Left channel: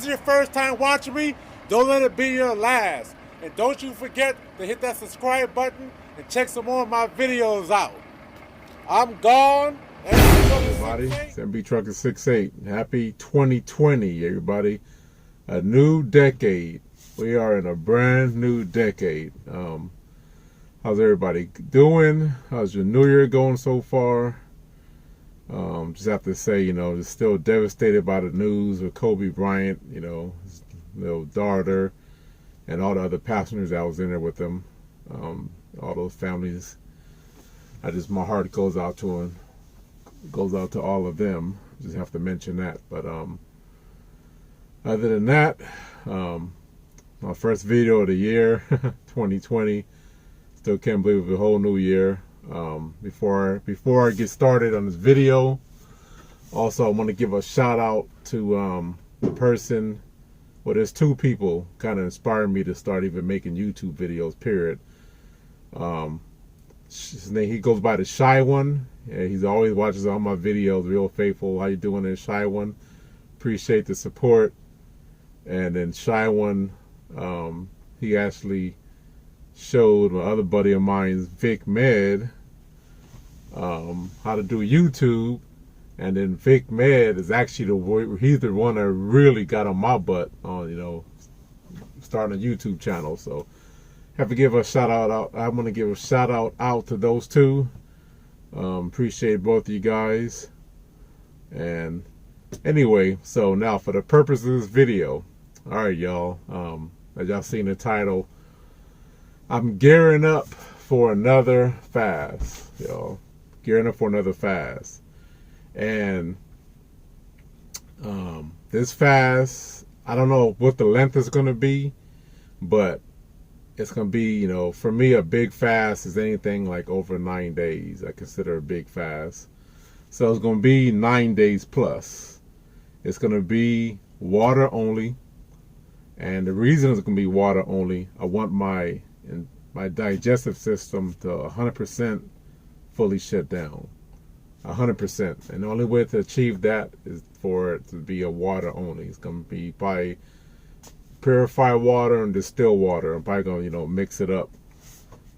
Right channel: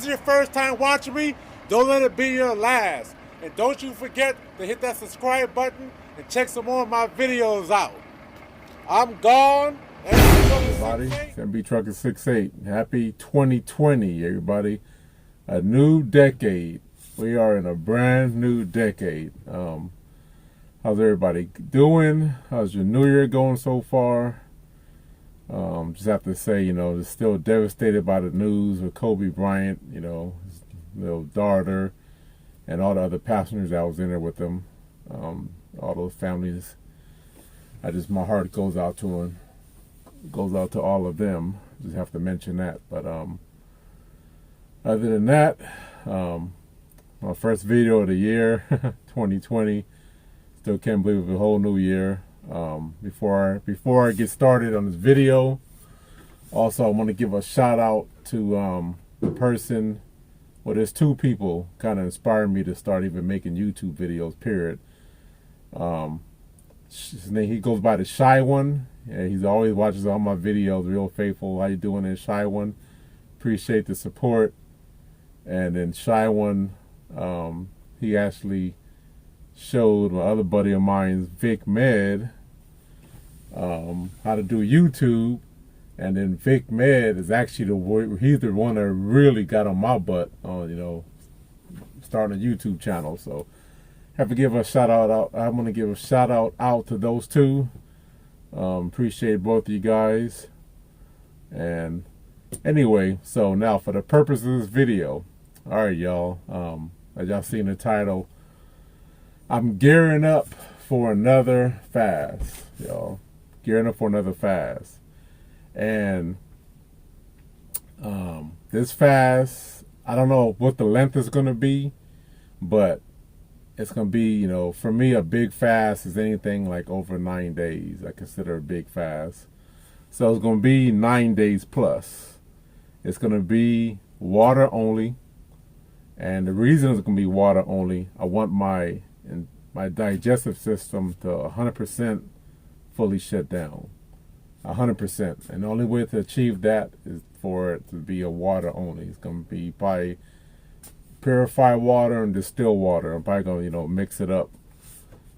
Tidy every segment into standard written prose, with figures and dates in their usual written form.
this is your first time watching me, don't let it be your last. And don't you forget to hit that subscribe button and check some more of my videos out. I'm gone. Everybody, it's MB Trucker 68. Happy 2020, everybody. A new decade. We are in a brand new decade. How's everybody doing? How's your new year going so far? Just have to say, just still devastated by the news with Kobe Bryant, his little daughter, and all the other passengers that was in there with them. All those families. My heart goes out to them. Goes out to all of them. Just have to mention that. But other than that, my first video of the year, 2020. Still can't believe it's a whole new year. Before I get started on this video, also I want to give a shout out to the person. Well, there's two people kind of inspired me to start even making YouTube videos. Period. His name, he goes by the Shy One, and he's always watches all my videos, real faithful. How you doing there, Shy One? Appreciate the support. And then Shy One, he actually showed my other buddy of mine, Vic Med, how to do YouTube. And then Vic Med is actually he's the one that really got on my butt on starting a YouTube channel. So have to give a shout out. I'm gonna give a shout out to those two. Appreciate both of you guys. And anyway, so now for the purpose of this video, all right, y'all. As y'all seen the title, I'm gearing up for another fast, y'all. Gearing up for another fast, and this fast, I don't know what the length is gonna be, but it's going to be, for me, a big fast is anything like over 9 days. I consider a big fast. So it's going to be 9 days plus. It's going to be water only. And the reason it's going to be water only, I want my digestive system to 100% fully shut down. 100%. And the only way to achieve that is for it to be a water only. It's going to be by purify water and distill water. I'm probably gonna mix it up,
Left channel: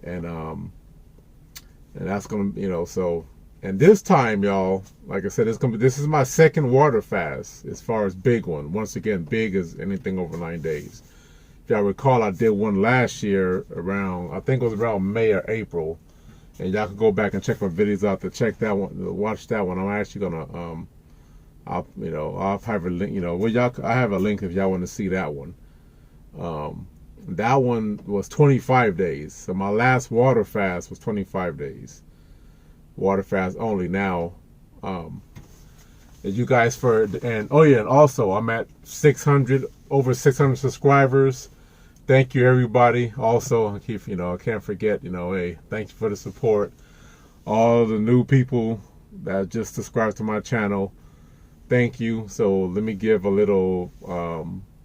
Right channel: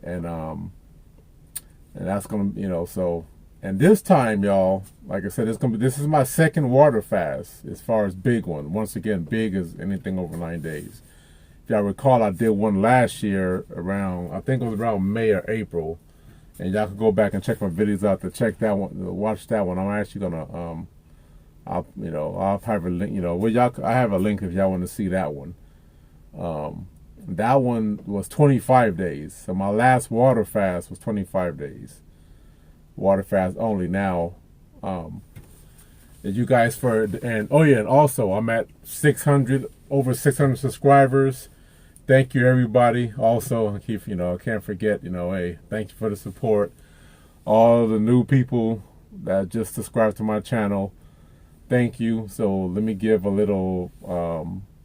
and that's gonna so. And this time, y'all, like I said, this is my second water fast as far as big one. Once again, big is anything over 9 days. If y'all recall, I did one last year around, I think it was around May or April, and y'all can go back and check my videos out to check that one, watch that one. I'm actually gonna I'll have a link. I have a link if y'all want to see that one. That one was 25 days. So my last water fast was 25 days. Water fast only. Now, as you guys and also I'm at over 600 subscribers. Thank you, everybody. Also, I can't forget, hey, thank you for the support. All the new people that just subscribed to my channel, thank you. So let me give a little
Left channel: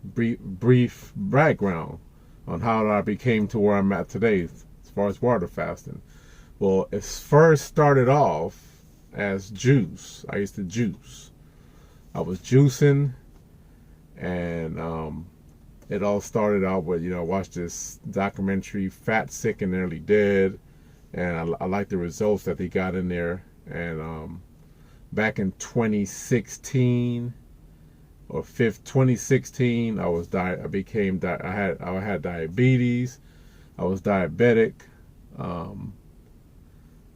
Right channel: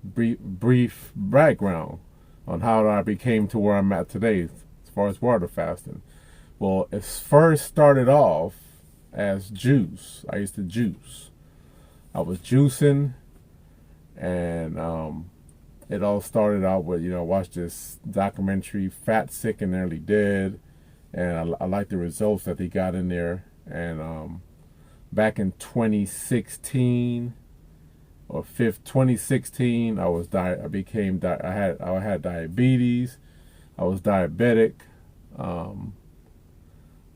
brief background on how I became to where I'm at today as far as water fasting. Well, it first started off as juice. I used to juice. I was juicing, and it all started out with, I watched this documentary, Fat, Sick, and Nearly Dead, and I liked the results that they got in there. And back in 2016 or 2016, I had diabetes. I was diabetic.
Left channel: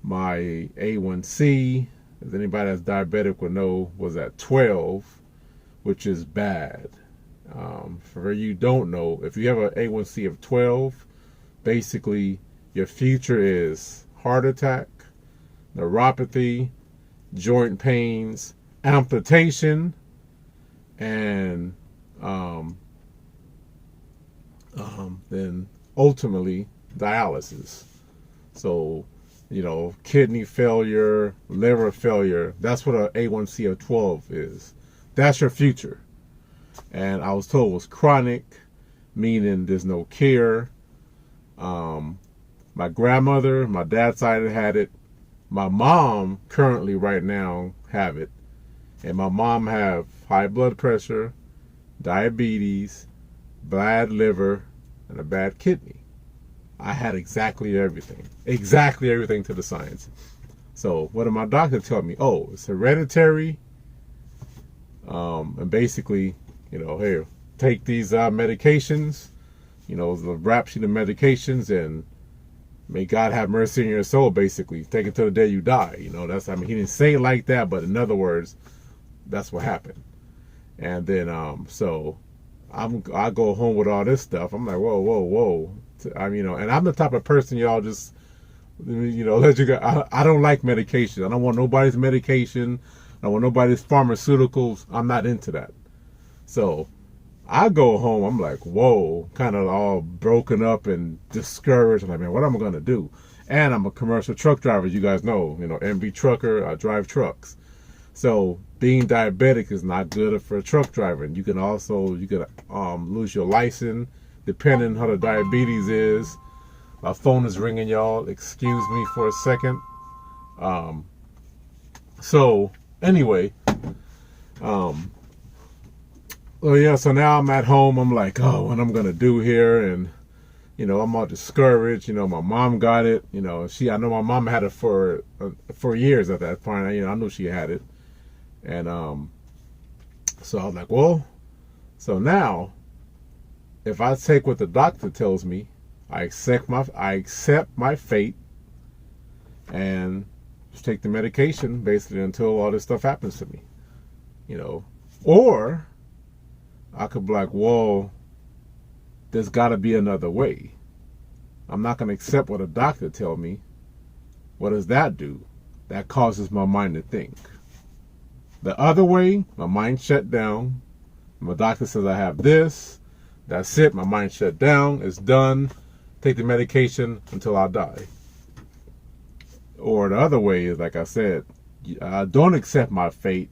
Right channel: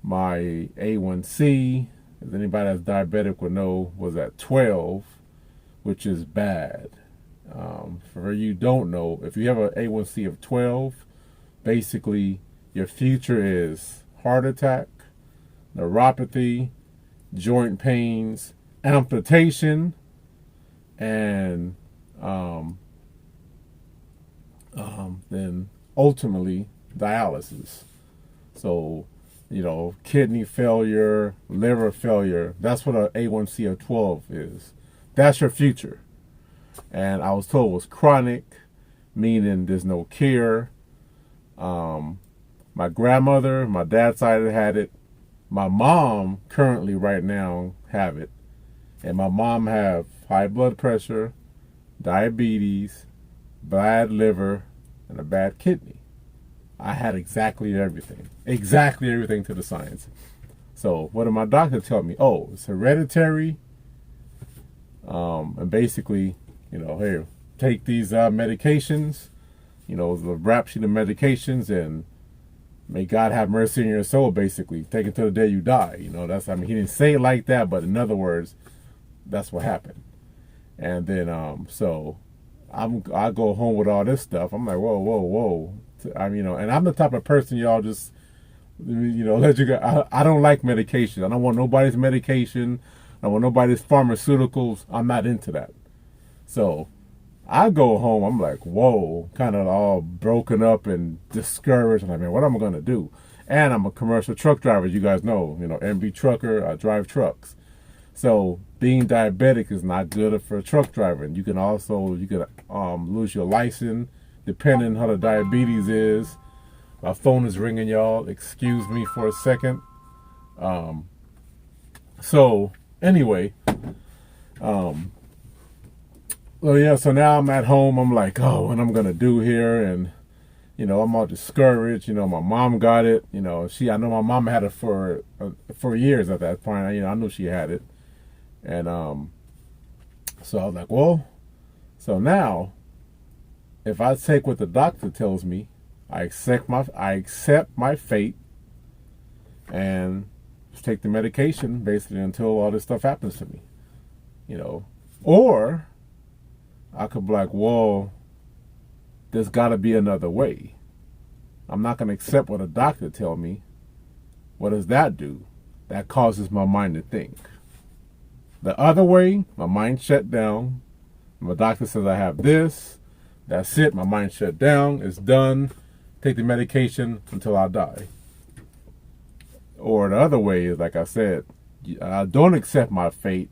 My A1C, as anybody that's diabetic would know, was at 12, which is bad. For you don't know, if you have an A1C of 12, basically your future is heart attack, neuropathy, joint pains, amputation, and then ultimately dialysis. So, kidney failure, liver failure, that's what an A1C of 12 is. That's your future. And I was told it was chronic, meaning there's no cure. My grandmother, my dad's side had it. My mom currently right now have it. And my mom have high blood pressure, diabetes, bad liver, and a bad kidney. I had exactly everything to the science. So what did my doctor tell me? Oh, it's hereditary. And basically, here, take these medications, the rap sheet of medications, and may God have mercy on your soul, basically. Take it till the day you die. He didn't say it like that, but in other words, that's what happened. And then, so I go home with all this stuff. I'm like, whoa. And I'm the type of person, y'all, just, let you go. I don't like medication. I don't want nobody's medication. I don't want nobody's pharmaceuticals. I'm not into that. So I go home, I'm like, whoa, kind of all broken up and discouraged. I'm like, man, what am I going to do? And I'm a commercial truck driver. You guys know, MB trucker, I drive trucks. So being diabetic is not good for a truck driver. And you can lose your license depending how the diabetes is. My phone is ringing, y'all. Excuse me for a second. So anyway, so now I'm at home. I'm like, oh, what I'm gonna do here? And I'm all discouraged. My mom got it. I know my mom had it for years at that point. I knew she had it. And so I was like, well, so now if I take what the doctor tells me, I accept my fate and just take the medication basically until all this stuff happens to me. Or I could be like, whoa, there's got to be another way. I'm not going to accept what a doctor tell me. What does that do? That causes my mind to think. The other way, my mind shut down. My doctor says I have this. That's it. My mind shut down. It's done. Take the medication until I die. Or the other way is, like I said, I don't accept my fate.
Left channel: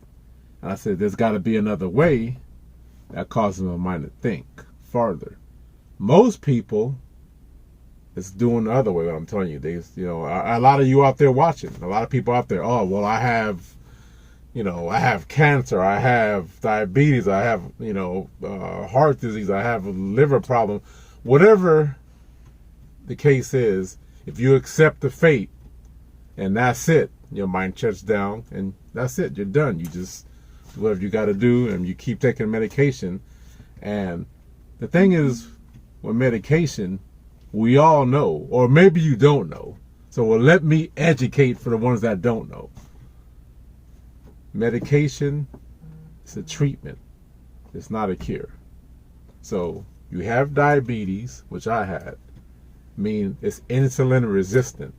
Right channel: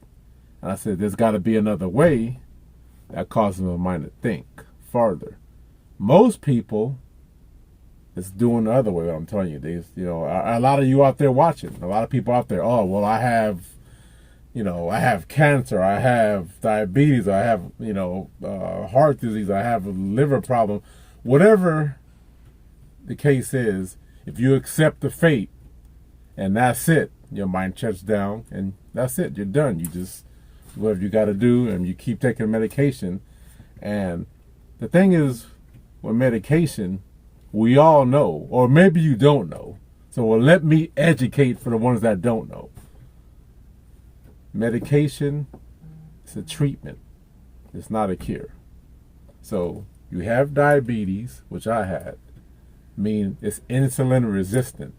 And I said, there's got to be another way. That causes my mind to think farther. Most people, it's doing the other way. What I'm telling you, a lot of you out there watching, a lot of people out there. Oh, well, I have cancer, I have diabetes, I have heart disease, I have a liver problem. Whatever the case is, if you accept the fate, and that's it, your mind shuts down, and that's it. You're done. You just do whatever you got to do, and you keep taking medication. And the thing is, with medication, we all know, or maybe you don't know. So, let me educate for the ones that don't know. Medication is a treatment. It's not a cure. So, you have diabetes, which I had. It's insulin resistant.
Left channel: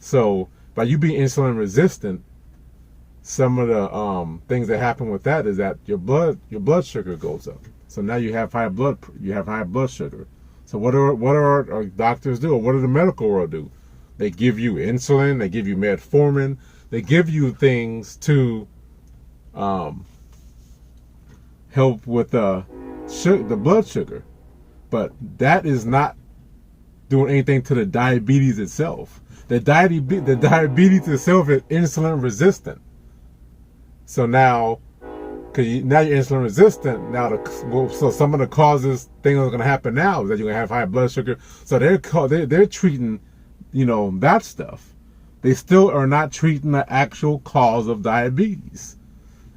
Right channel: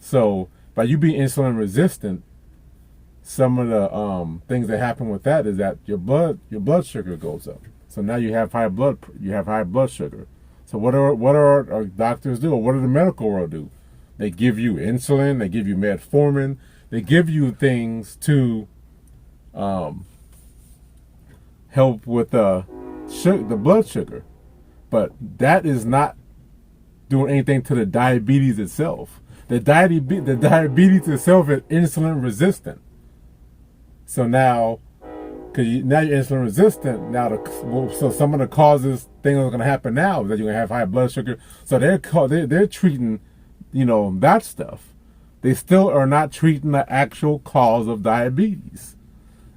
So, by you being insulin resistant, some of the things that happen with that is that your blood sugar goes up. So now you have high blood sugar. So what are our doctors do? Or what do the medical world do? They give you insulin. They give you metformin. They give you things to help with the blood sugar, but that is not doing anything to the diabetes itself. The diabetes itself is insulin resistant. So now, now you're insulin resistant. So some of the causes, things that are going to happen now is that you're going to have high blood sugar. So they're treating, that stuff. They still are not treating the actual cause of diabetes.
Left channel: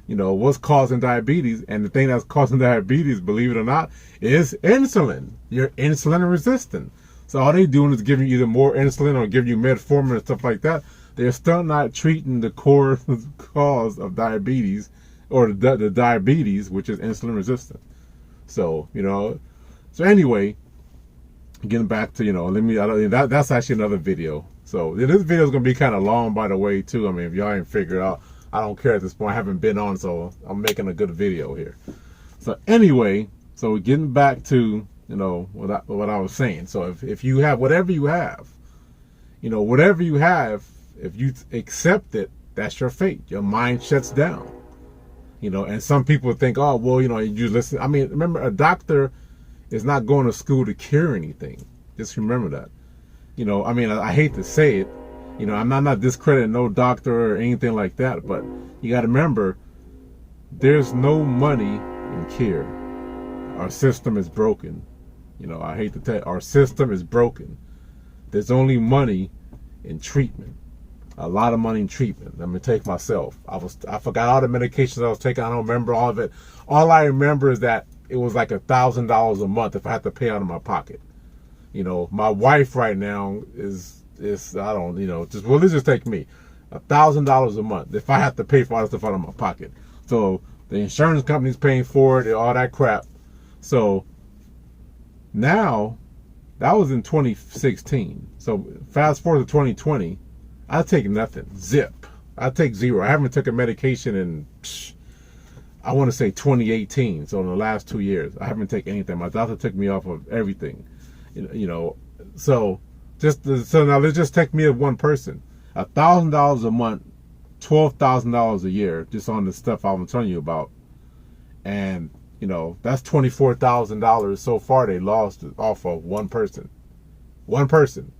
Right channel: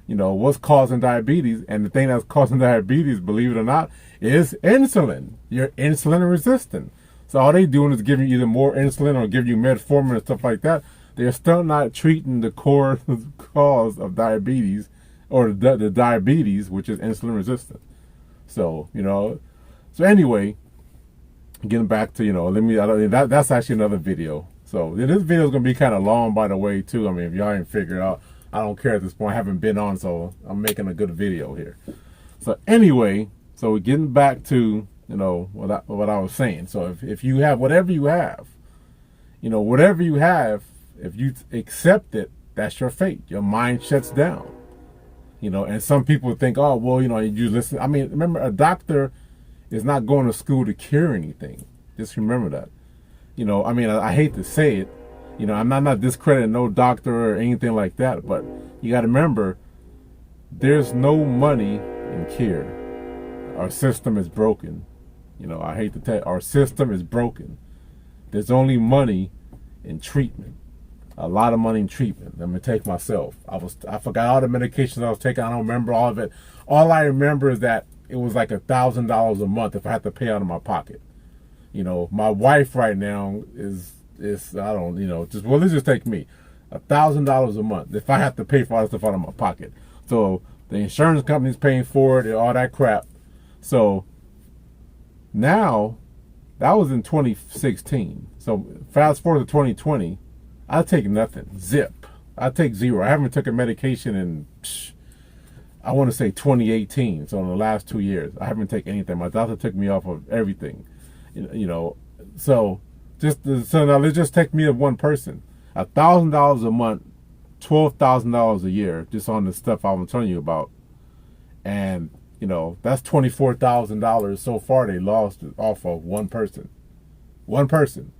What's causing diabetes, and the thing that's causing diabetes, believe it or not, is insulin. You're insulin resistant. So all they're doing is giving you either more insulin or give you metformin and stuff like that. They're still not treating the core cause of diabetes, or the diabetes, which is insulin resistant. So, so anyway, getting back to, that's actually another video. So this video is going to be kind of long, by the way, too. If y'all ain't figured out, I don't care at this point. I haven't been on, so I'm making a good video here. So anyway, so we're getting back to, what I was saying. So if you have whatever you have, if you accept it, that's your fate. Your mind shuts down. And some people think, oh, well, you listen. Remember, a doctor is not going to school to cure anything. Just remember that. I hate to say it. I'm not discrediting no doctor or anything like that, but you got to remember, there's no money in care. our system is broken. You know, I hate to tell you, our system is broken. There's only money in treatment. A lot of money in treatment. Let me take myself. I forgot all the medications I was taking. I don't remember all of it. All I remember is that it was like $1,000 a month if I had to pay out of my pocket. You know, my wife right now is I don't, you know, just, well, let's just take me. $1,000 a month if I have to pay for all the stuff out of my pocket. So the insurance company's paying for it and all that crap. So now, that was in 2016. So fast forward to 2020, I take nothing. Zip. I take zero. I haven't taken medication in, I want to say 2018. So in the last 2 years, I haven't taken anything. My doctor took me off of everything. You know, so now let's just take me as one person. $1,000 a month, $12,000 a year, just on the stuff I'm telling you about. And, you know, that's $24,000 so far they lost off of one person. One person.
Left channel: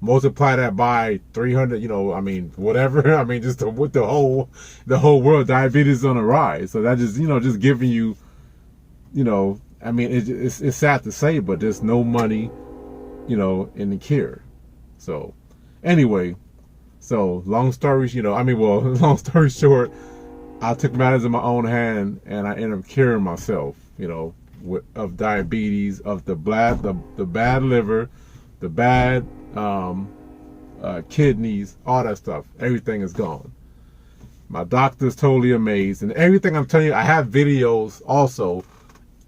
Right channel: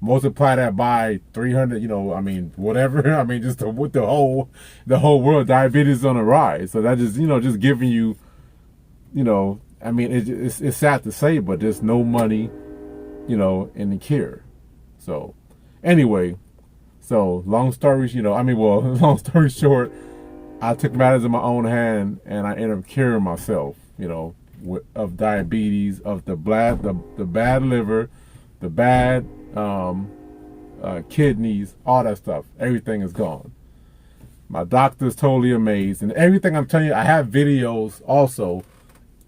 Multiply that by 300, you know, I mean, whatever. I mean, just with the whole world, diabetes is on the rise. So that just, you know, just giving you, you know, I mean, it's sad to say, but there's no money, you know, in the cure. So anyway, so long story short, I took matters in my own hand and I ended up curing myself, you know, of diabetes, of the bad liver, the bad kidneys, all that stuff. Everything is gone. My doctor's totally amazed, and everything I'm telling you, I have videos also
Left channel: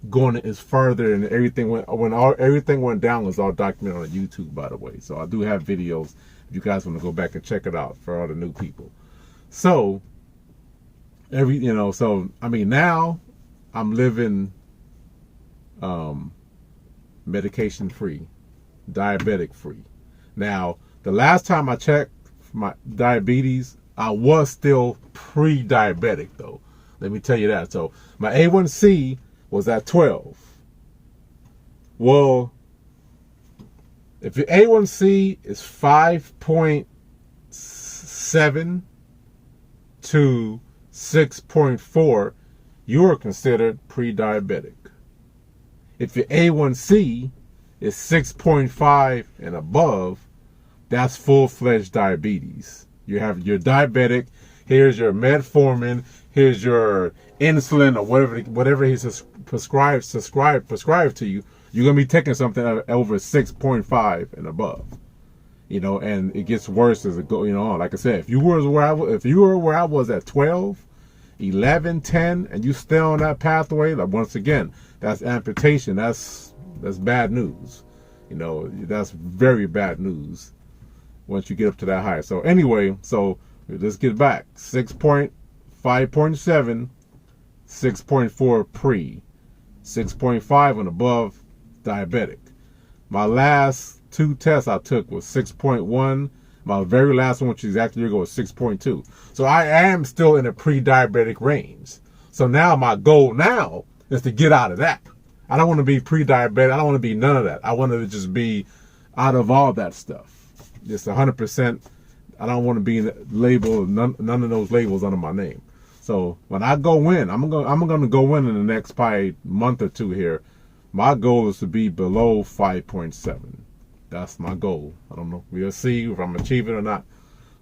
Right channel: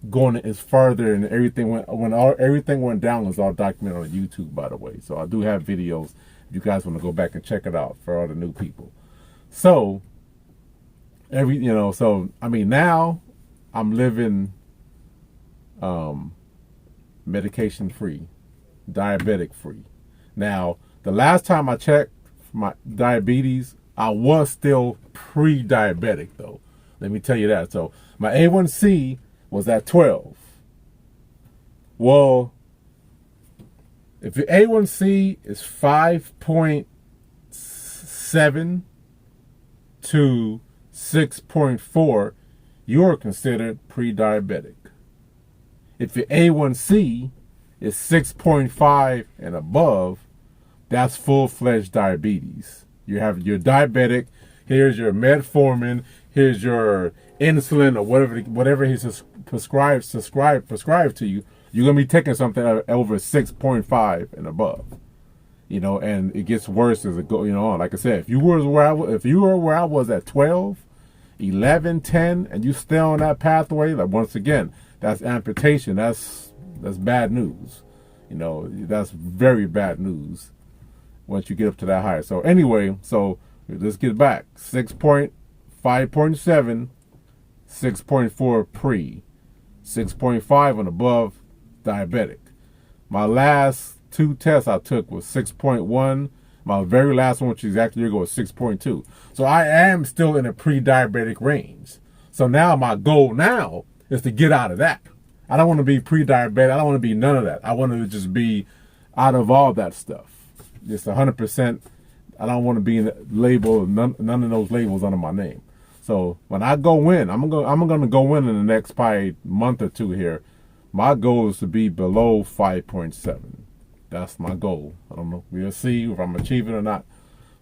going as further, and everything everything went down was all documented on YouTube, by the way. So I do have videos if you guys want to go back and check it out for all the new people. So so I mean, now I'm living medication free, diabetic free. Now, the last time I checked my diabetes, I was still pre-diabetic though. Let me tell you that. So my A1C was at 12. Well, if your A1C is 5.7 to 6.4, you are considered pre-diabetic. If your A1C is 6.5 and above, that's full-fledged diabetes. You're diabetic. Here's your metformin. Here's your insulin or whatever he's prescribed to you. You're gonna be taking something over 6.5 and above. You know, and it gets worse as it goes. You know, like I said, if you were where I was at 12, 11, 10, and you stay on that pathway, like once again, that's amputation. That's bad news. You know, that's very bad news once you get up to that high. So anyway, so let's get back. 5.7, 6.4 pre, 6.5 and above diabetic. My last 2 tests I took was 6.1. My very last one, which is exactly a year ago, was 6.2. So I am still in a pre-diabetic range. So now my goal now is to get out of that. I don't want to be pre-diabetic. I don't want to be none of that. I want to just be out of all that stuff. Just 100%. I don't want to be labeled, none of those labels under my name. So when I go in, I'm going to go in the next probably month or two here. My goal is to be below 5.7. That's my goal. I don't know. We'll see if I'm achieving it or not.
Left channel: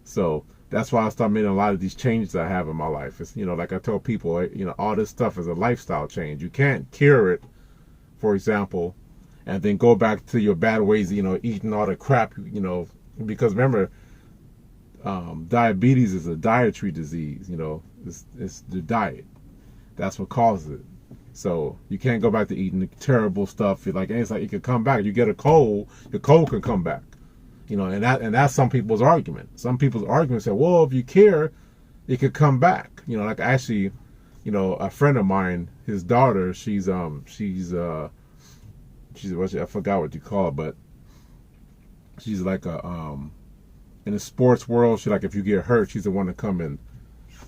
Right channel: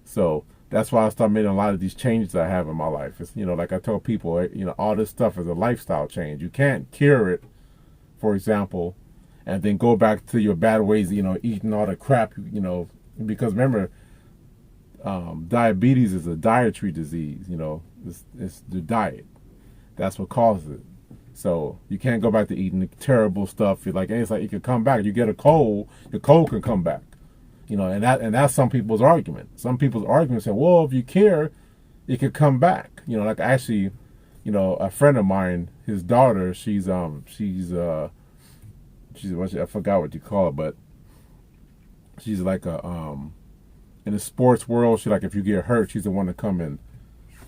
So that's why I start making a lot of these changes I have in my life. It's, you know, like I tell people, you know, all this stuff is a lifestyle change. You can't cure it, for example, and then go back to your bad ways, you know, eating all the crap, you know, because remember, diabetes is a dietary disease, you know, it's the diet. That's what causes it. So you can't go back to eating terrible stuff. Like, it's like it could come back. You get a cold, the cold can come back. You know, and that's some people's argument. Some people's argument say, well, if you care, it could come back. You know, like actually, you know, a friend of mine, his daughter, she's I forgot what you call it, but she's like in the sports world, she like if you get hurt, she's the one to come and,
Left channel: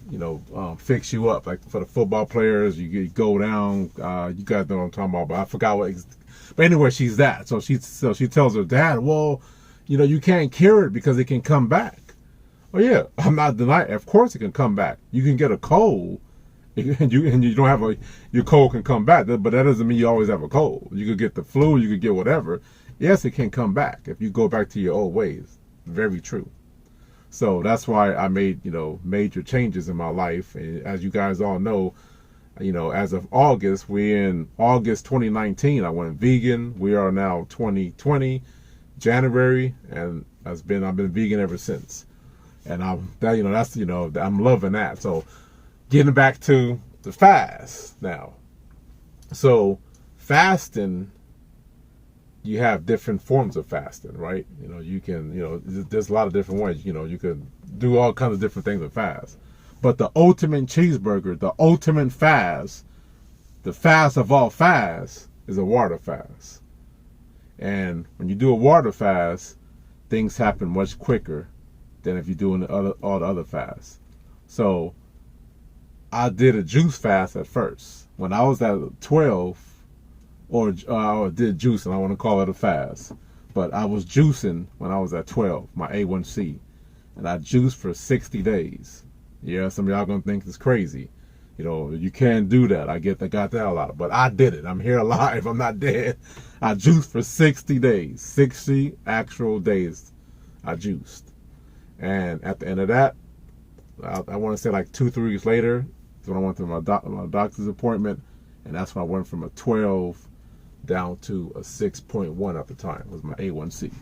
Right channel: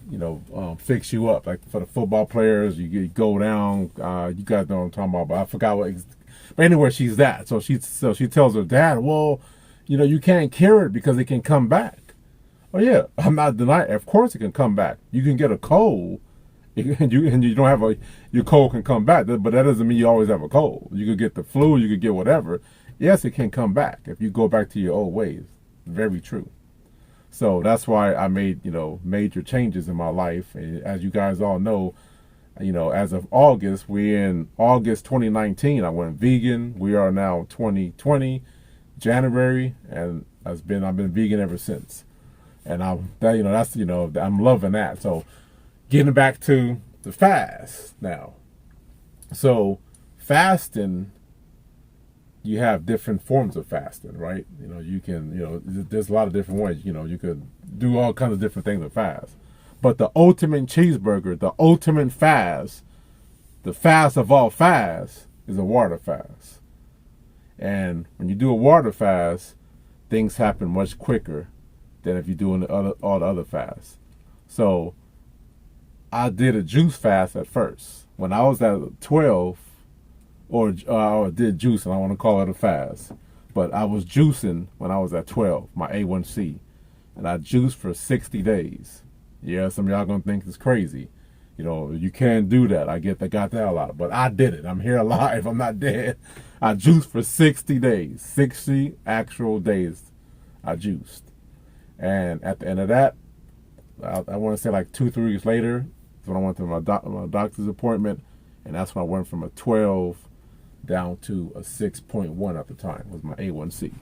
you know, fix you up. Like for the football players, you go down. You guys know what I'm talking about, but I forgot what. But anyway, she's that. So she tells her dad, well, you know, you can't cure it because it can come back. Oh yeah, I'm not denying. Of course, it can come back. You can get a cold, You don't have your cold can come back, but that doesn't mean you always have a cold. You could get the flu, you could get whatever. Yes, it can come back if you go back to your old ways. Very true. So that's why I made, major changes in my life. And as you guys all know, as of August, we're in August 2019. I went vegan. We are now 2020, January, and I've been vegan ever since. And I'm loving that. So getting back to the fast now. So fasting, you have different forms of fasting, right? You can, there's a lot of different ways. You could do all kinds of different things to fast. But the ultimate cheeseburger, the ultimate fast, the fast of all fasts, is a water fast. And when you do a water fast, things happen much quicker than if you're doing all the other fasts. So I did a juice fast at first. When I was at 12, or did juice, and I want to call it a fast. But I was juicing when I was at 12, my A1C. And I juiced for 60 days. Yeah, some of y'all going to think it's crazy. You can't do that. I got that a lot. But I did it. I'm here alive. I'm not dead. I juiced for 60 days. 60 actual days I juiced. And at the end of that, I want to say like 2-3 weeks later, is when I went to my doctor's appointment. And that's when I went from a 12 down to a 6.1 at the time, was my A1C.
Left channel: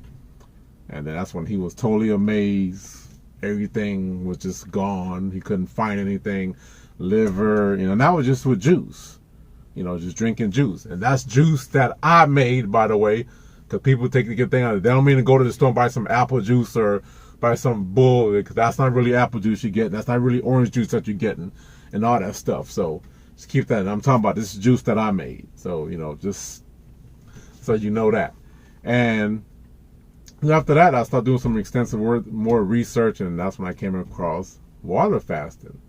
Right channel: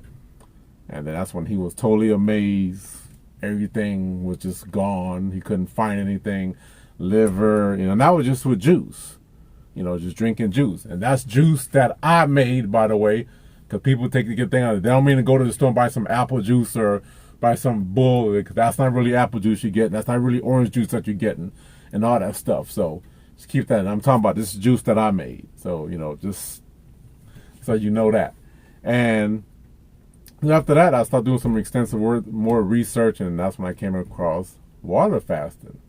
And then that's when he was totally amazed. Everything was just gone. He couldn't find anything. Liver, and that was just with juice. Just drinking juice. And that's juice that I made, by the way, because people take the good thing out of it. They don't mean to go to the store and buy some apple juice or buy some bull, because that's not really apple juice you're getting. That's not really orange juice that you're getting and all that stuff. So just keep that. I'm talking about this juice that I made. So, just so you know that. And after that, I started doing some extensive more research, and that's when I came across water fasting.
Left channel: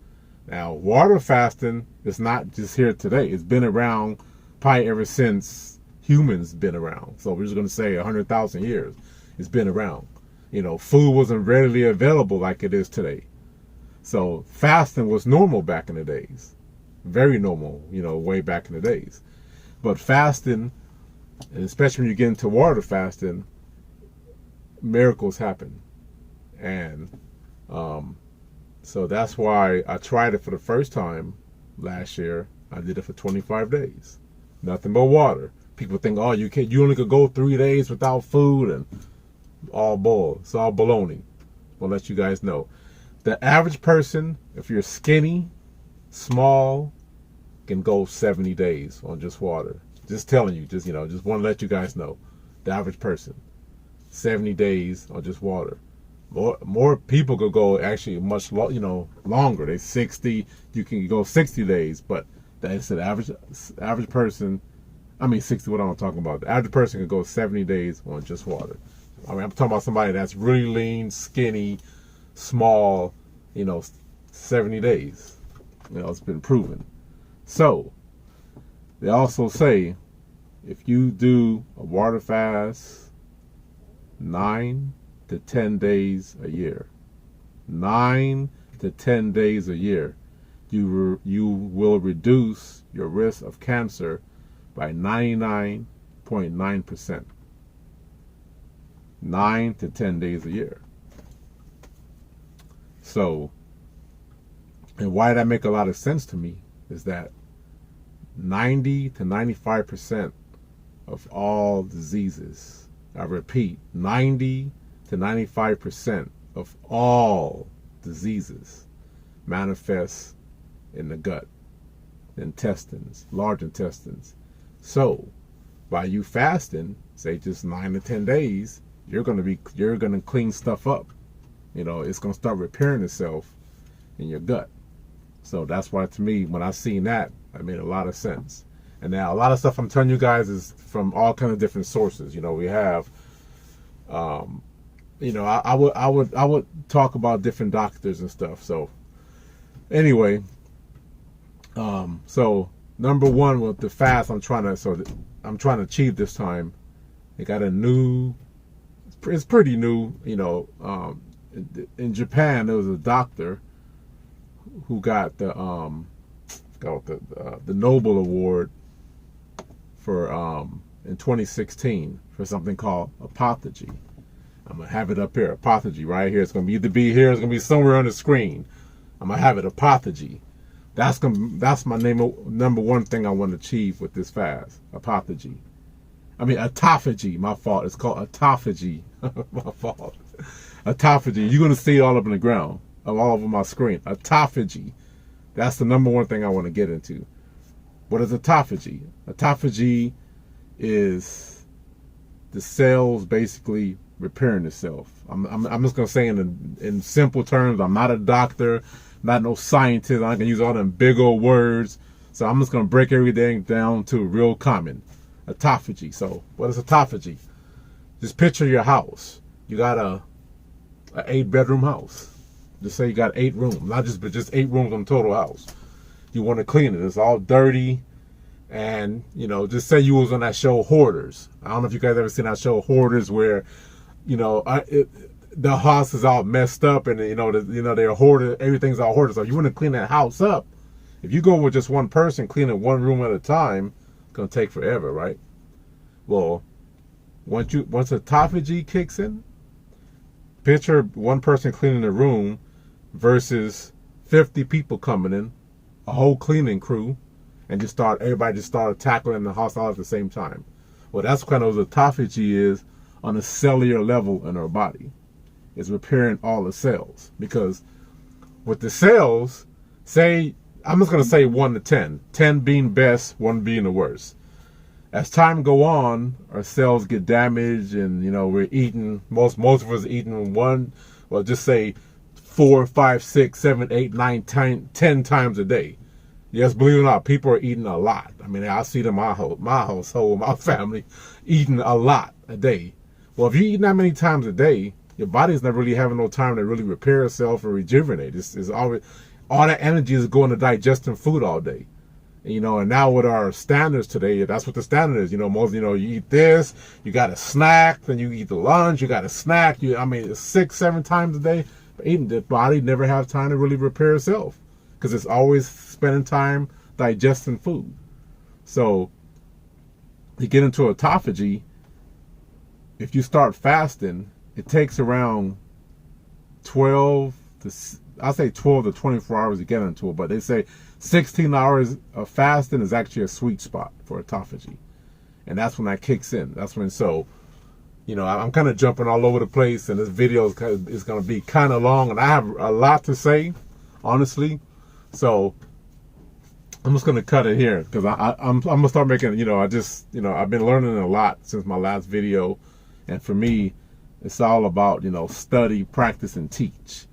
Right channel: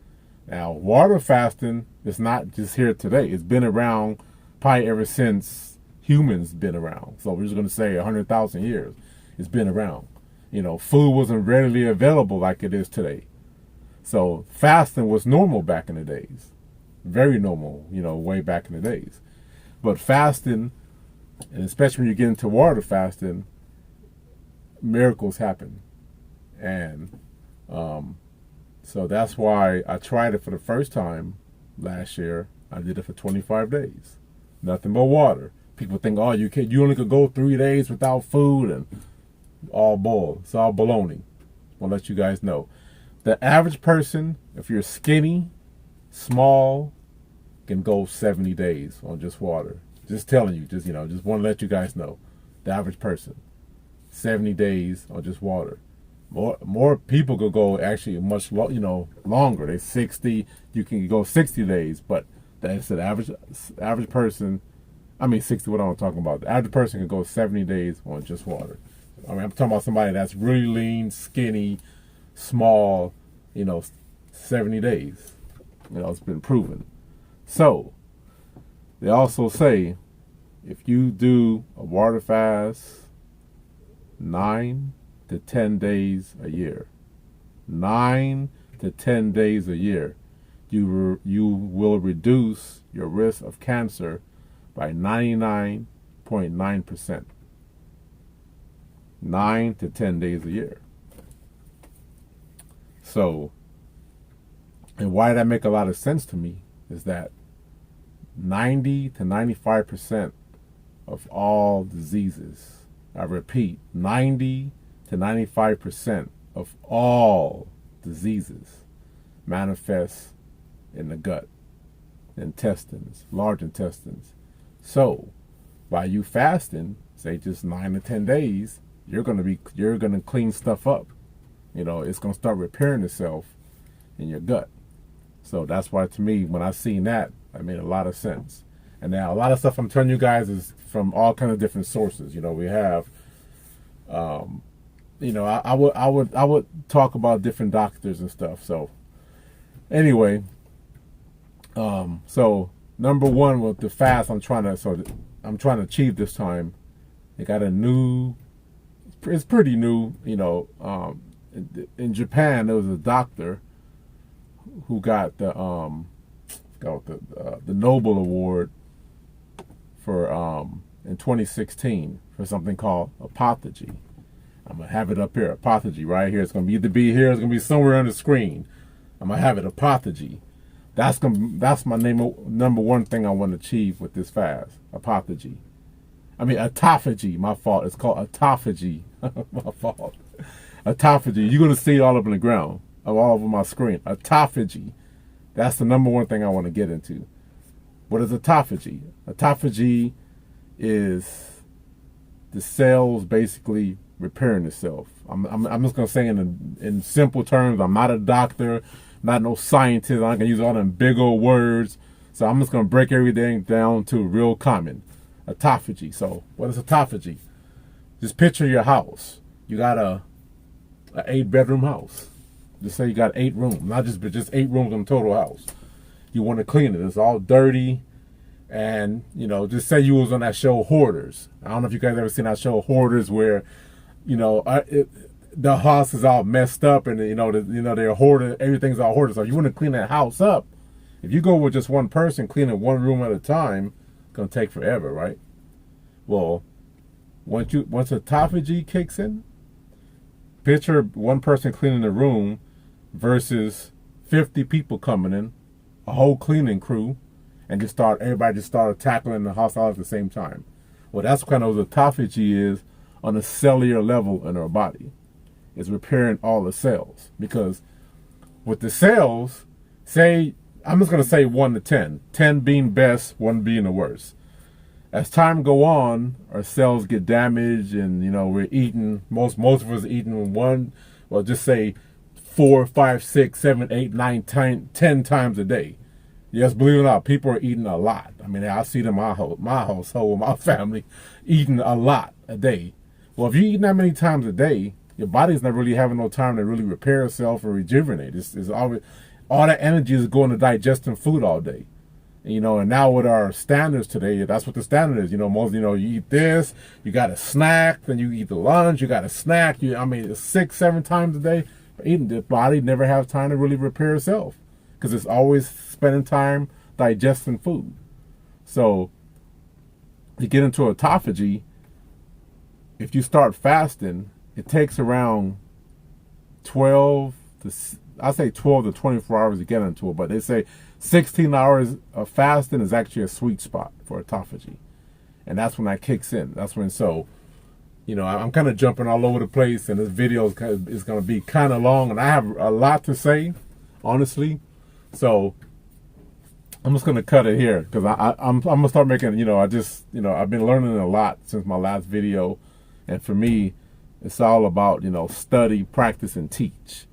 Now, water fasting is not just here today. It's been around probably ever since humans been around. So we're just going to say 100,000 years. It's been around. Food wasn't readily available like it is today. So fasting was normal back in the days. Very normal, way back in the days. But fasting, and especially when you get into water fasting, miracles happen. And so that's why I tried it for the first time last year. I did it for 25 days. Nothing but water. People think, oh, you only could go 3 days without food, and all bull. It's all baloney. I'll let you guys know. The average person, if you're skinny, small, can go 70 days on just water. Just telling you, just want to let you guys know. The average person, 70 days on just water. More people could go actually much longer. They 60. You can go 60 days, but that's the average person. 60. What I'm talking about. The average person can go 70 days on just water. I'm talking about somebody that's really lean, skinny, small. 70 days. It's been proven. So they also say if you do a water fast 9 to 10 days a year, 9 to 10 days a year, you will reduce your risk of cancer by 99.9%. 9 to 10 days a year. So, and why that make a lot of sense to me is that 90 to 95% of all diseases, I repeat, 90 to 95% of all diseases manifest in the gut, intestines, large intestines. So, by you fasting, say just 9 to 10 days, you're gonna clean stuff up. It's gonna start repairing itself in your gut. So that's why, to me, when I seen that, it made a lot of sense. And now a lot of stuff I'm telling you guys is from all kinds of different sources. We have, I would talk about different doctors and stuff. So anyway, so number one with the fast I'm trying to achieve this time. They got a new, it's pretty new, in Japan there was a doctor who got the forgot what the Nobel Award for in 2016 for something called Autophagy. I'm gonna have it up here, Autophagy, right here. It's gonna either be here, it's gonna be somewhere on the screen. I'm gonna have it, Autophagy. That's my number one thing I want to achieve with this fast, Autophagy. I mean, autophagy, my fault. It's called autophagy. My fault. Autophagy. You're going to see it all up in the ground, all over my screen. Autophagy. That's the number one thing I want to get into. What is autophagy? Autophagy is the cells basically repairing itself. I'm just going to say in simple terms, I'm not a doctor, not no scientist. I can use all them big old words. So I'm just going to break everything down to real common. Autophagy. So what is autophagy? Just picture your house. You got a 8-bedroom house. Just say you got 8 rooms, not just 8 rooms on the total house. You want to clean it. It's all dirty, and just say you was on that show Hoarders. I don't know if you guys ever seen that show Hoarders, where the house is all messed up, and they're hoarded. Everything's all hoarded. So you want to clean that house up. If you go with just one person cleaning one room at a time, gonna take forever, right? Well, once autophagy kicks in, picture one person cleaning the room versus 50 people coming in, a whole cleaning crew, and everybody just started tackling the house all at the same time. Well, that's what kind of autophagy is on a cellular level in our body. It's repairing all the cells, because with the cells, I'm just going to say 1 to 10. 10 being best, 1 being the worst. As time go on, our cells get damaged, and we're eating. Most of us eating just say 4, 5, 6, 7, 8, 9, 10 times a day. Yes, believe it or not, people are eating a lot. I mean, I see them in my household, my family, eating a lot a day. Well, if you're eating that many times a day, your body's not really having no time to really repair itself or rejuvenate. It's always, all that energy is going to digesting food all day. And now with our standards today, that's what the standard is. Most, you eat this, you got a snack, then you eat the lunch, you got a snack. It's 6, 7 times a day. But eating, the body never has time to really repair itself, because it's always spending time digesting food. So to get into autophagy, if you start fasting, it takes around 12 to 24 hours to get into it, but they say 16 hours of fasting is actually a sweet spot for autophagy. And that's when that kicks in. That's when, I'm kind of jumping all over the place, and this video is going to be kind of long, and I have a lot to say, honestly. So I'm just going to cut it here, because I'm going to start making, I've been learning a lot since my last video. And for me, it's all about, study, practice, and teach.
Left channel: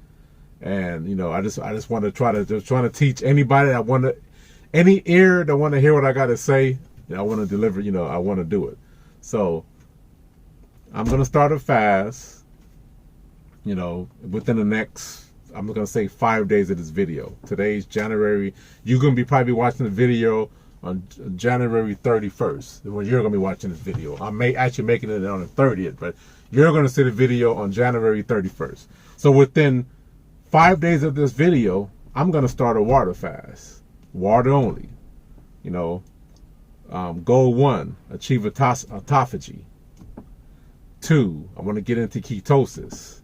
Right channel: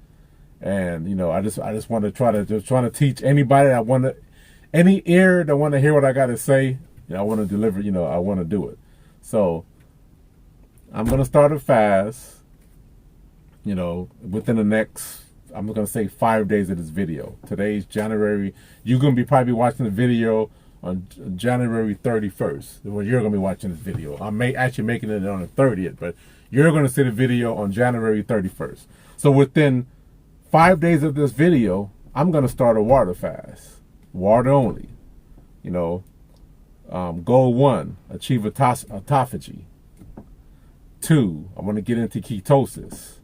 And I just want to try to teach anybody any ear that want to hear what I got to say. I want to deliver. I want to do it. So I'm gonna start a fast. Within the next, I'm gonna say 5 days of this video. Today's January. You're gonna be probably watching the video on January 31st. When you're gonna be watching this video, I may actually making it on the 30th, but you're gonna see the video on January 31st. So within 5 days of this video, I'm going to start a water fast. Water only. Goal 1, achieve autophagy. 2, I want to get into ketosis.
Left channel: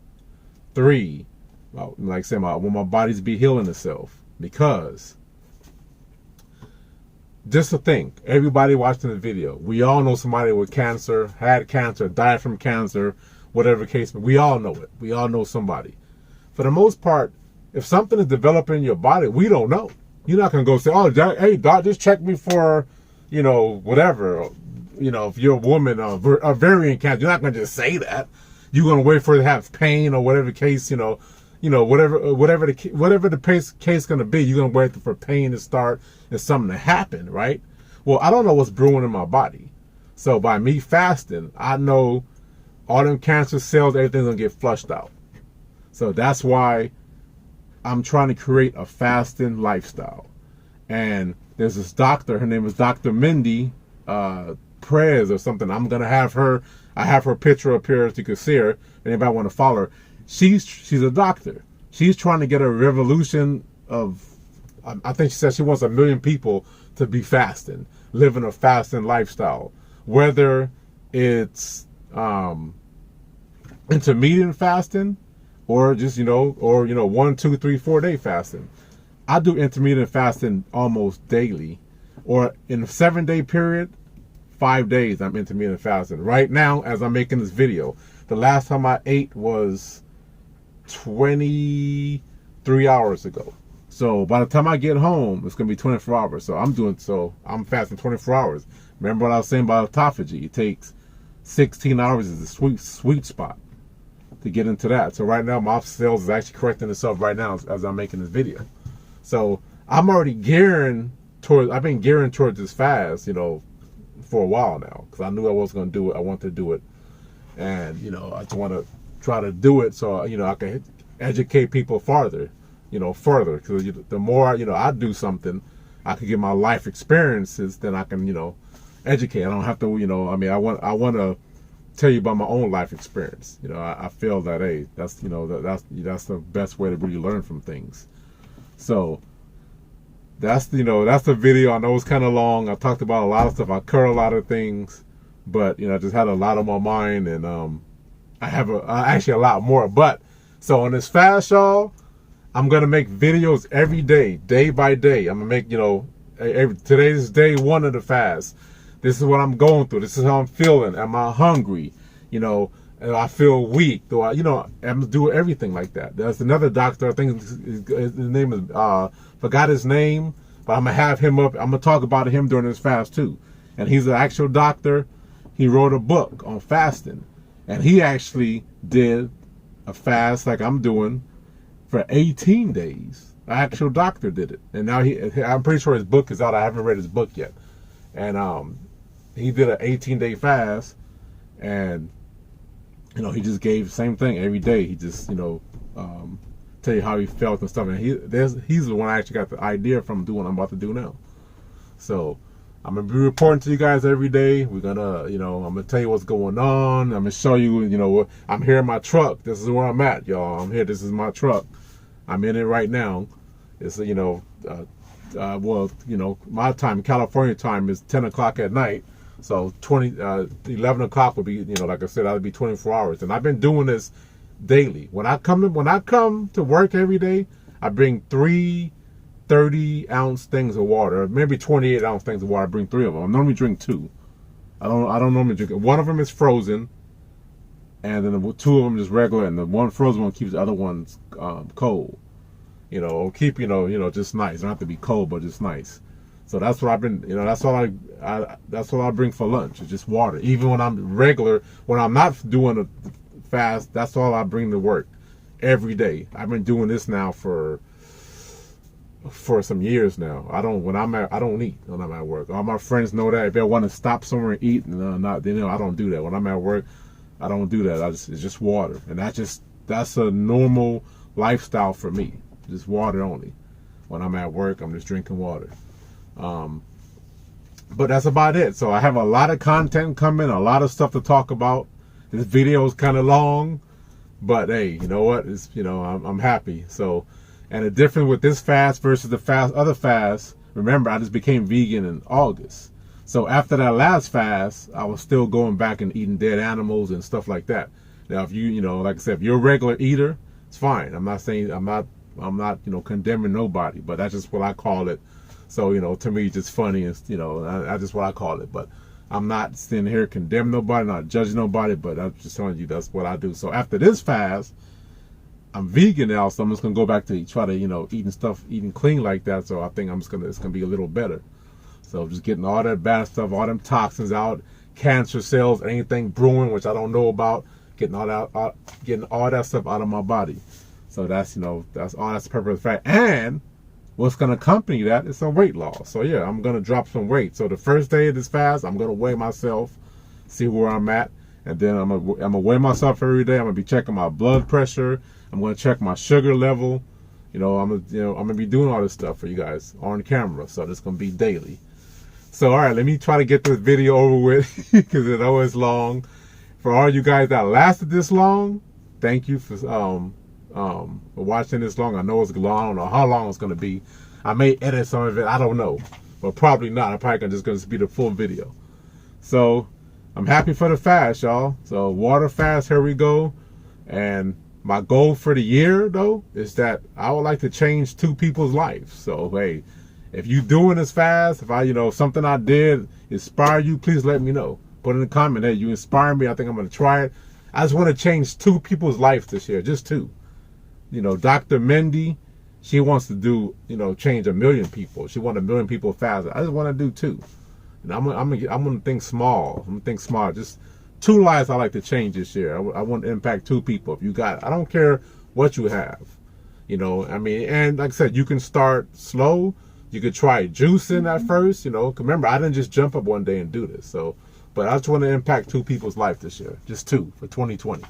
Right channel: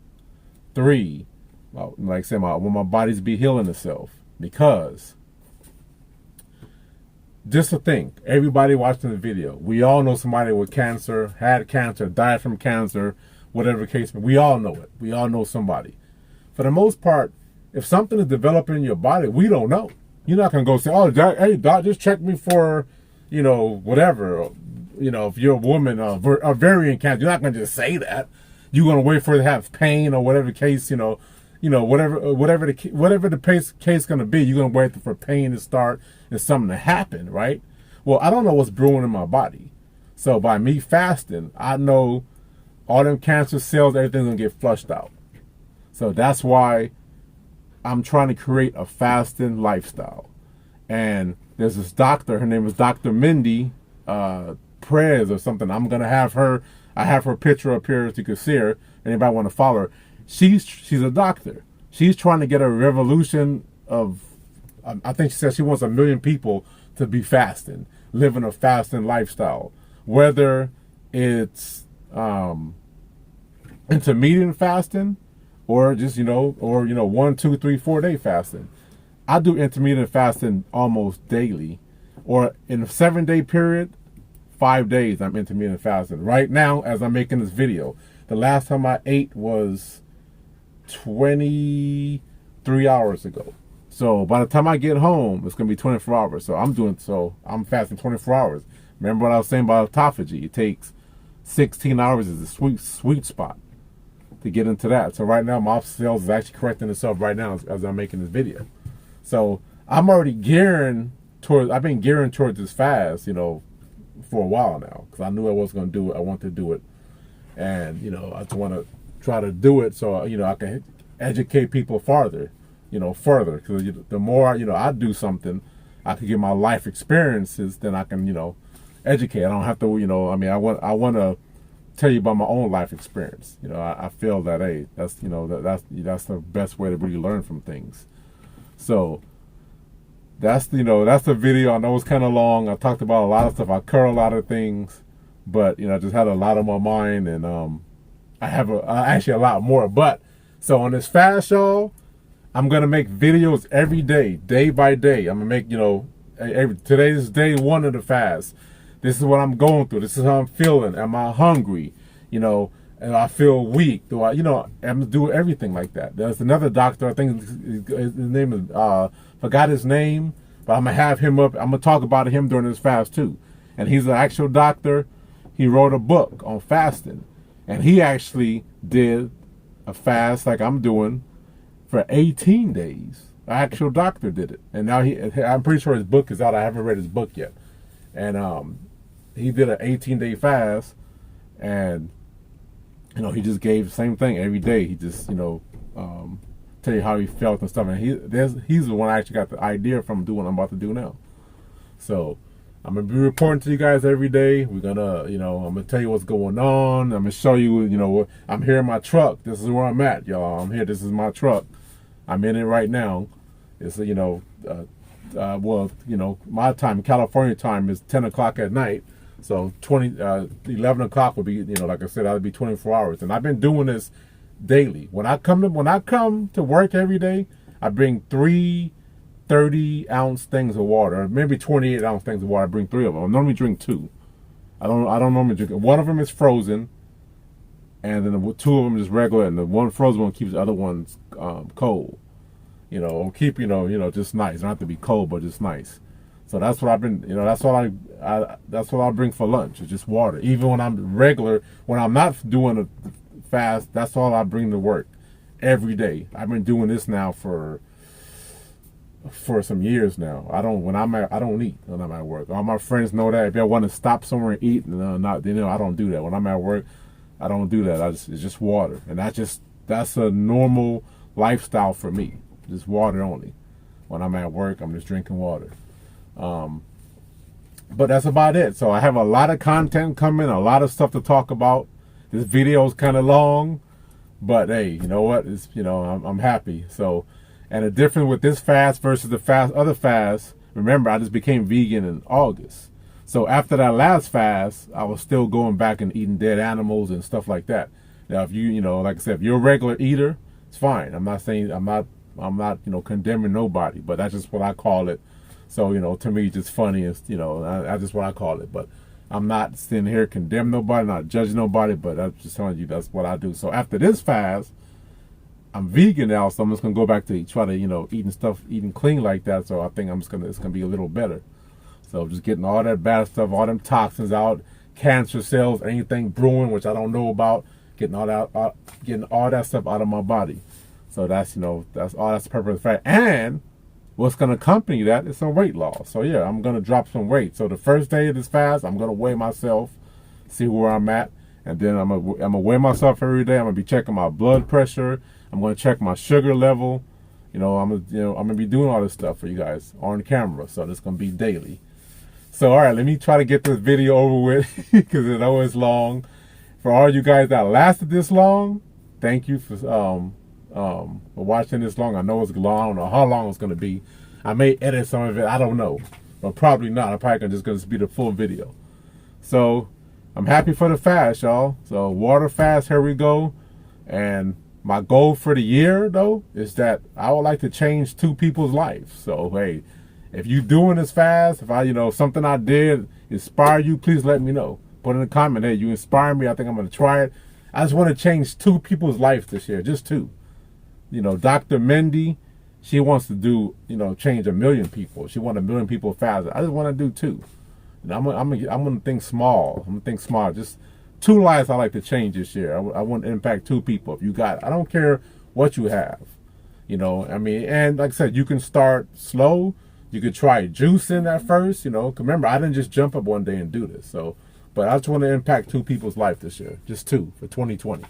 3, like I said, I want my body to be healing itself. Because, just to think, everybody watching the video, we all know somebody with cancer, had cancer, died from cancer, whatever the case, but we all know it. We all know somebody. For the most part, if something is developing in your body, we don't know. You're not going to go say, oh, doc, hey, doc, just check me for, whatever. If you're a woman, ovarian cancer, you're not going to just say that. You're going to wait for it to have pain or whatever the case, whatever the case going to be. You're going to wait for pain to start and something to happen, right? Well, I don't know what's brewing in my body. So by me fasting, I know all them cancer cells, everything's going to get flushed out. So that's why I'm trying to create a fasting lifestyle. And there's this doctor, her name is Dr. Mindy Perez or something. I'm going to have her, I have her picture up here so you can see her. If anybody want to follow her. She's a doctor. She's trying to get a revolution of I think she said she wants 1 million people to be fasting, living a fasting lifestyle, whether it's intermittent fasting or just, or 1, 2, 3, 4 day fasting. I do intermittent fasting almost daily, or in a 7-day period, 5 days I'm intermittent fasting. Right now, as I'm making this video, the last time I ate was 23 hours ago. So by the time I get home, it's gonna be 24 hours. So I'm fasting 24 hours. Remember what I was saying about autophagy? It takes 16 hours is the sweet spot to get into that. So right now, my cells is actually correcting itself right now as I'm making this video. So I'm already I've been gearing towards this fast, for a while now, because I knew I was going to do it. I wanted to do it, and I just want to try to do it so I can educate people further, because the more I do something, I can get my life experiences, then I can educate. I don't have to I want to tell you about my own life experience. I feel that, hey, that's that's the best way to really learn from things. So that's the video. I know it's kind of long. I talked about a lot of stuff. I covered a lot of things, but I just had a lot on my mind, and I have actually a lot more. But so on this fast, y'all, I'm gonna make videos every day, day by day. I'm gonna make today is day 1 of the fast. This is what I'm going through. This is how I'm feeling. Am I hungry? And I feel weak. Do I'm gonna do everything like that. There's another doctor. I think his name is forgot his name, but I'm gonna have him up. I'm gonna talk about him during this fast too. And he's an actual doctor. He wrote a book on fasting, and he actually did a fast like I'm doing for 18 days. An actual doctor did it, and now I'm pretty sure his book is out. I haven't read his book yet, and he did an 18-day fast, and he just gave the same thing every day. He just tell you how he felt and stuff, and he's the one I actually got the idea from doing what I'm about to do now. So I'm gonna be reporting to you guys every day. We're gonna I'm gonna tell you what's going on. I'm gonna show you I'm here in my truck. This is where I'm at, y'all. I'm here. This is my truck. I'm in it right now. It's my time, California time, is 10 o'clock at night. So 11 o'clock would be, like I said, that would be 24 hours. And I've been doing this daily. When I come to work every day, I bring 3 30-ounce things of water, maybe 28-ounce things of water. I bring 3 of them. I normally drink 2. I don't normally drink it. One of them is frozen, and then the 2 of them is regular, and the one frozen one keeps the other ones cold. Or keep just nice. It don't have to be cold, but just nice. So that's what I've been, that's what I bring for lunch. It's just water. Even when I'm not doing a fast, that's all I bring to work every day. I've been doing this now for some years now. I don't eat when I'm at work. All my friends know that. If they want to stop somewhere and eat, I don't do that. When I'm at work, I don't do that. It's just water, and that's a normal lifestyle for me. Just water only. When I'm at work, I'm just drinking water. But that's about it. So I have a lot of content coming, a lot of stuff to talk about. This video is kind of long, but hey, you know what? It's I'm happy. So, and the difference with this fast versus the other fast. Remember, I just became vegan in August. So after that last fast, I was still going back and eating dead animals and stuff like that. Now, if like I said, if you're a regular eater, it's fine. I'm not condemning nobody, but that's just what I call it. So, to me, it's just funny, and, that's just what I call it. But I'm not sitting here condemning nobody, not judging nobody, but I'm just telling you that's what I do. So after this fast, I'm vegan now, so I'm just going to go back to try to, eating clean like that. So I think it's going to be a little better. So just getting all that bad stuff, all them toxins out, cancer cells, anything brewing, which I don't know about, getting all that stuff out of my body. So that's all. That's the purpose of the fast. And what's going to accompany that is some weight loss. So yeah, I'm going to drop some weight. So the first day of this fast, I'm going to weigh myself, see where I'm at, and then I'm gonna weigh myself every day. I'm gonna be checking my blood pressure. I'm going to check my sugar level. I'm gonna be doing all this stuff for you guys on camera. So it's gonna be daily. So all right, let me try to get this video over with because I know it's long. For all you guys that lasted this long, thank you for watching this long. I know it's long. I don't know how long it's gonna be, I may edit some of it. I don't know, but probably not. I'm probably just gonna be the full video. So I'm happy for the fast, y'all. So water fast, here we go. And my goal for the year, though, is that I would like to change 2 people's lives. So hey, if you doing this fast, if I, something I did inspire you, please let me know. Put in a comment, hey, you inspire me. I think I'm gonna try it. I just want to change 2 people's lives this year, just 2. Dr. Mendy, she wants to do, change 1 million people. She wants 1 million people faster. I just want to do 2. I'm gonna think small. I'm gonna think small. Just 2 lives I like to change this year. I want to impact 2 people. If you got it, I don't care what you have. And like I said, you can start slow. You could try juicing at first. Remember, I didn't just jump up one day and do this. So, but I just want to impact 2 people's life this year. Just 2 for 2020.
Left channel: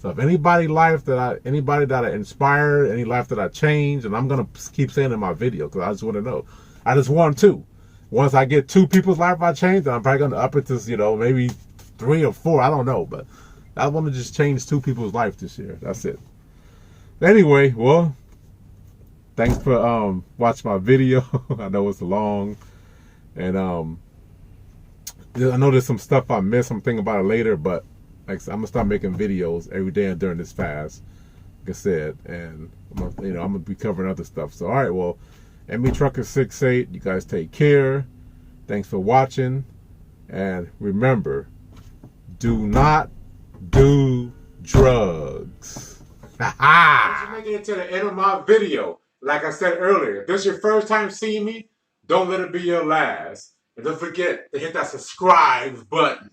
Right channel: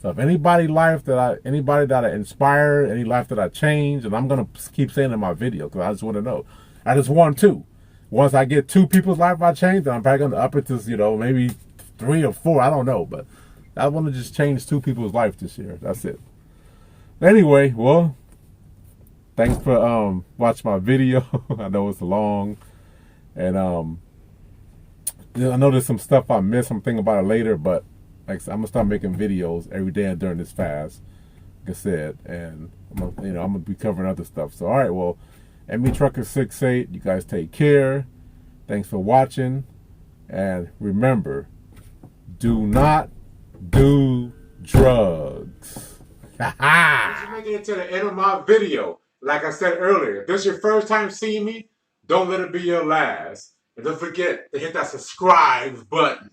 So if anybody that I inspire, any life that I change, and I'm gonna keep saying in my video because I just want to know. I just want 2. Once I get 2 people's life I change, then I'm probably gonna up it to maybe 3 or 4. I don't know, but I want to just change 2 people's life this year. That's it. Anyway, well, thanks for watching my video. I know it's long, and I know there's some stuff I missed. I'm thinking about it later, but like I said, I'm gonna start making videos every day during this fast, like I said, and I'm gonna be covering other stuff. So all right, well, MB Trucker 68, you guys take care. Thanks for watching, and remember, do not do drugs. Thanks for making it to the end of my video. Like I said earlier, if this is your first time seeing me, don't let it be your last. And don't forget to hit that subscribe button.